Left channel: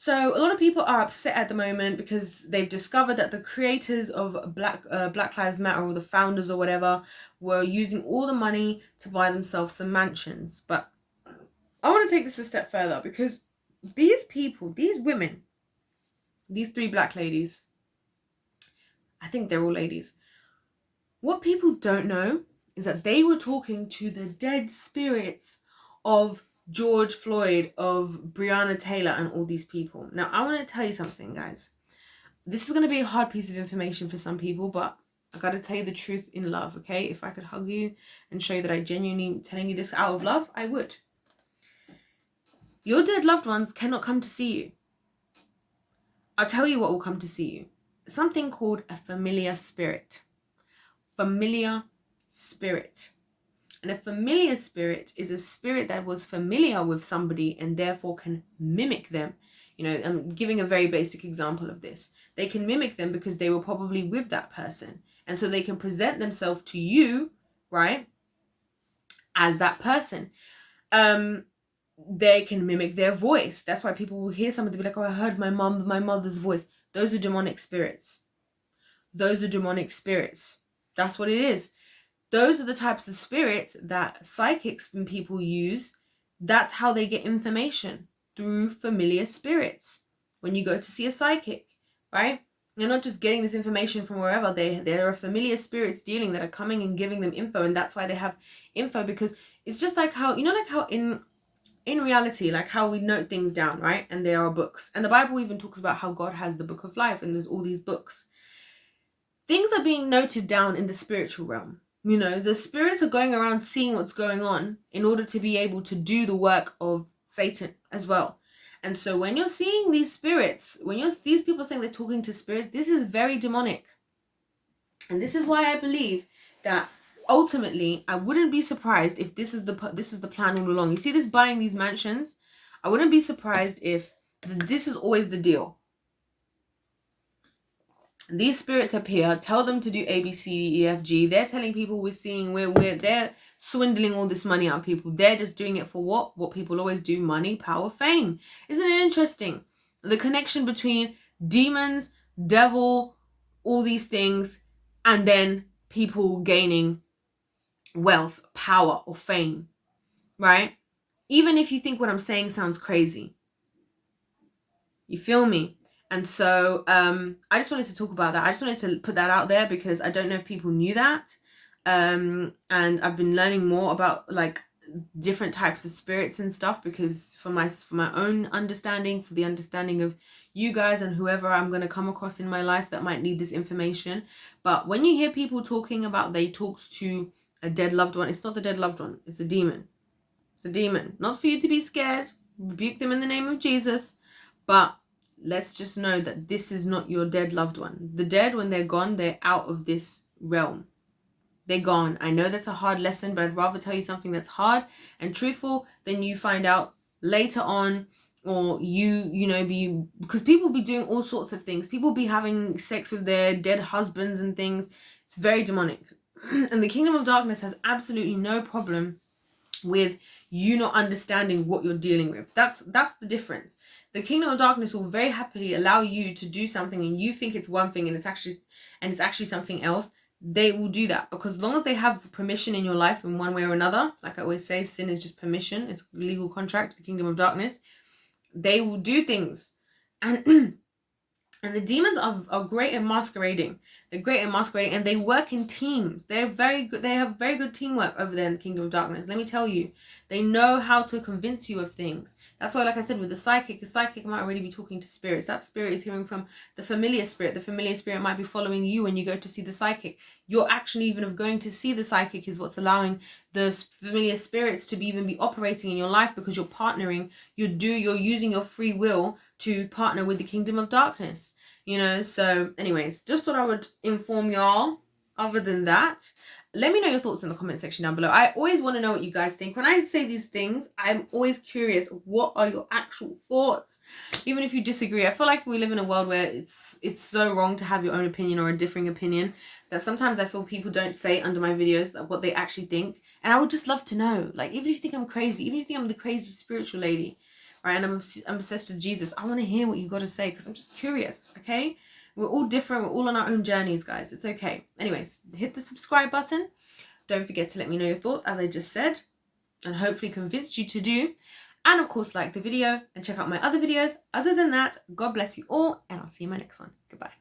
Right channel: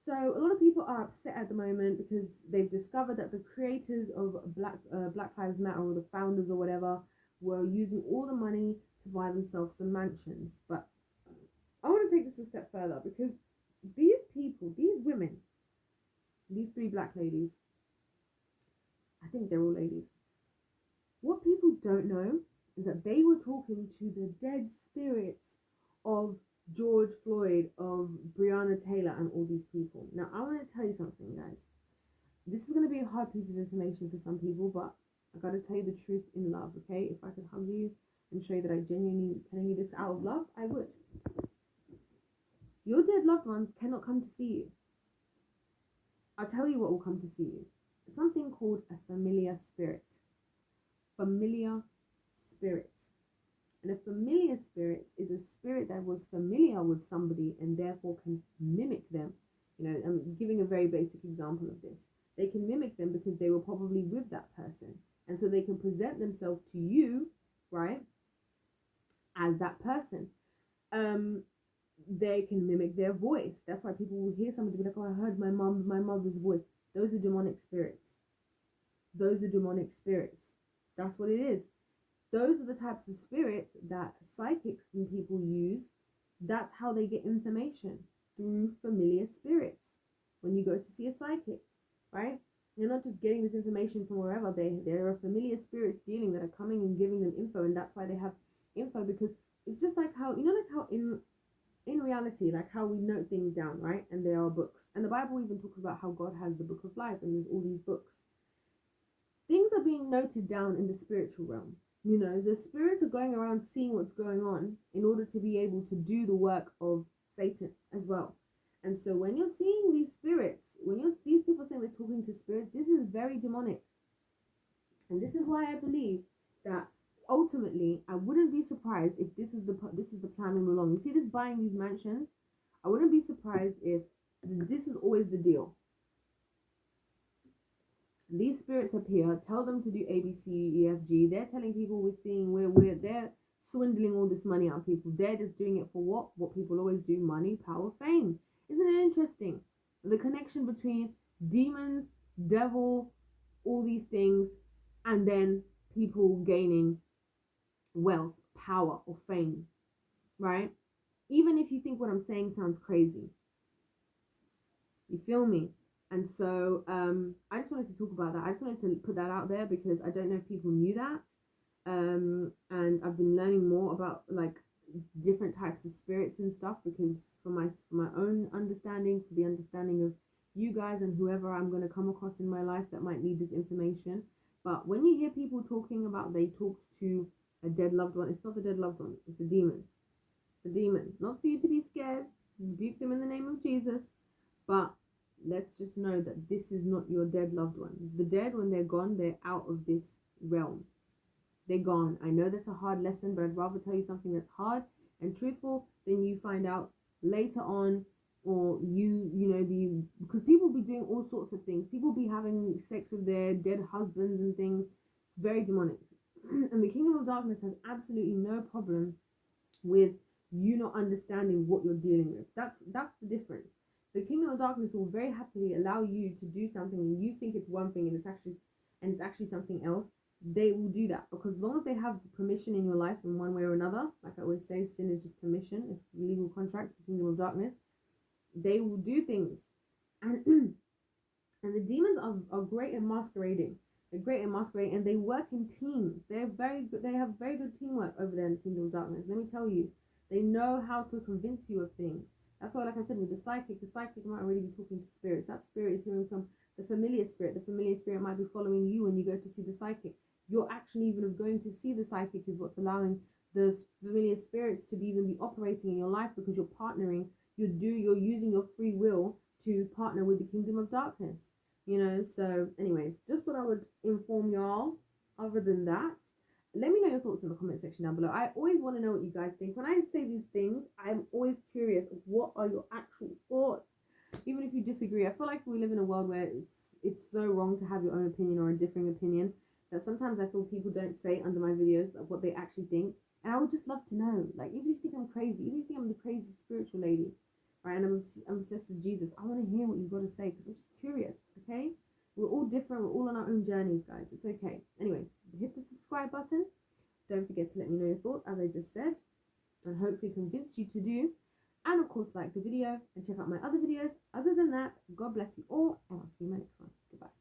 So a lot of people are upset at the moment because they've discovered that the creators of Black Lives Matter, or the founders or whatever, were using all the money to buy themselves some mansions. But I want to take this a step further, because these people, these women, these three black ladies, I think they're all ladies. What people don't know is that they were talking to the dead spirits of George Floyd, of Breonna Taylor, and all these people. Now, I want to tell you something, guys. This is going to be a hard piece of information for some people, but I got to tell you the truth in love, okay? If I could hug you and show you that I genuinely telling you this out of love, I would. Your dead loved ones cannot come to see you. I'll tell you what will come to see you. Something called a familiar spirit. Familiar spirit. And a familiar spirit is a spirit that was familiar with somebody and therefore can mimic them. You know, I'm giving a very basic example of this. They can mimic them because they were probably with that person. And so they can present themselves to you, right, as that person. They can mimic their voice. That's why people will hear somebody be like, oh, I heard my mother's voice. Those are demonic spirits. Those are demonic spirits. That's what it is. Those are the types of spirits that psychics and people use. That's how they get information, through familiar spirits. When you go to see a psychic, right? You're not just getting this information from wherever. There are familiar spirits dealing that are coming and giving them info, and that's why they have info, because it's just like how, you know, like how in reality, like how we note things down, right? And there are books. And the Bible even talks about how God has the book of life, and there's all these books. Things are being noted down in the spiritual realm. You know, the spirits are going around seeing what's going on in order to be able to do the work of Satan as well. And so when you're seeing these spirits, these people saying they're talking to spirits, this is very demonic. And this is why I believe that ultimately I wouldn't be surprised if this was the plan all along. You see this buying these mansions? I wouldn't be surprised if this is always the deal. These spirits appear, tell them to do A, B, C, D, E, F, G. They're telling people they're swindling all this money out of people. They're just doing it for what? What people always do: money, power, fame. Isn't it interesting? The connection between demons, devil, all these things, and then people gaining wealth, power, or fame, right? Even if you think what I'm saying sounds crazy. You feel me? And so I just wanted to talk about that. I just wanted to put that out there because I don't know if people knew that. And I've been learning more about like different types of spirits and stuff, because for my own understanding, for the understanding of you guys and whoever I'm going to come across in my life that might need this information. But when you hear people talking about they talked to a dead loved one, it's not the dead loved one, it's a demon. It's a demon. Not for you to be scared. Rebuke them in the name of Jesus. But let's just know that this is not your dead loved one. The dead, when they're gone, they're out of this realm. They're gone. I know that's a hard lesson, but I'd rather tell you something that's hard and truthful than you find out later on, or because people be doing all sorts of things. People be having sex with their dead husbands and things. It's very demonic. And the kingdom of darkness has absolutely no problem with you not understanding what you're dealing with. That's the difference. The kingdom of darkness will very happily allow you to do something and you think it's one thing and it's actually something else. They will do that because as long as they have permission in your life in one way or another, like I always say, sin is just permission. It's a legal contract, the kingdom of darkness. They will do things. And and the demons are great at masquerading. They're great at masquerading, and they work in teams. They're very good. They have very good teamwork over there in the kingdom of darkness. Let me tell you, they know how to convince you of things. That's why, like I said, with the psychic might already be talking to spirits. That spirit is hearing from the familiar spirit. The familiar spirit might be following you when you go to see the psychic. Your action even of going to see the psychic is what's allowing the familiar spirits to even be operating in your life, because you're partnering. You're using your free will to partner with the kingdom of darkness, so anyways, just thought I would inform y'all. Other than that, let me know your thoughts in the comment section down below. I always want to know what you guys think. When I say these things, I'm always curious, what are your actual thoughts? Even if you disagree, I feel like we live in a world where it's so wrong to have your own opinion or a differing opinion, that sometimes I feel people don't say under my videos what they actually think. And I would just love to know, like, even if you think I'm crazy, even if you think I'm the crazy spiritual lady, right? And I'm obsessed with Jesus. I want to hear what you got to say because I'm just curious, okay? We're all different. We're all on our own journeys, guys. It's okay. Anyways, hit the subscribe button. Don't forget to let me know your thoughts, as I just said, and hopefully convinced you to do. And of course, like the video and check out my other videos. Other than that, God bless you all, and I'll see you in my next one. Goodbye.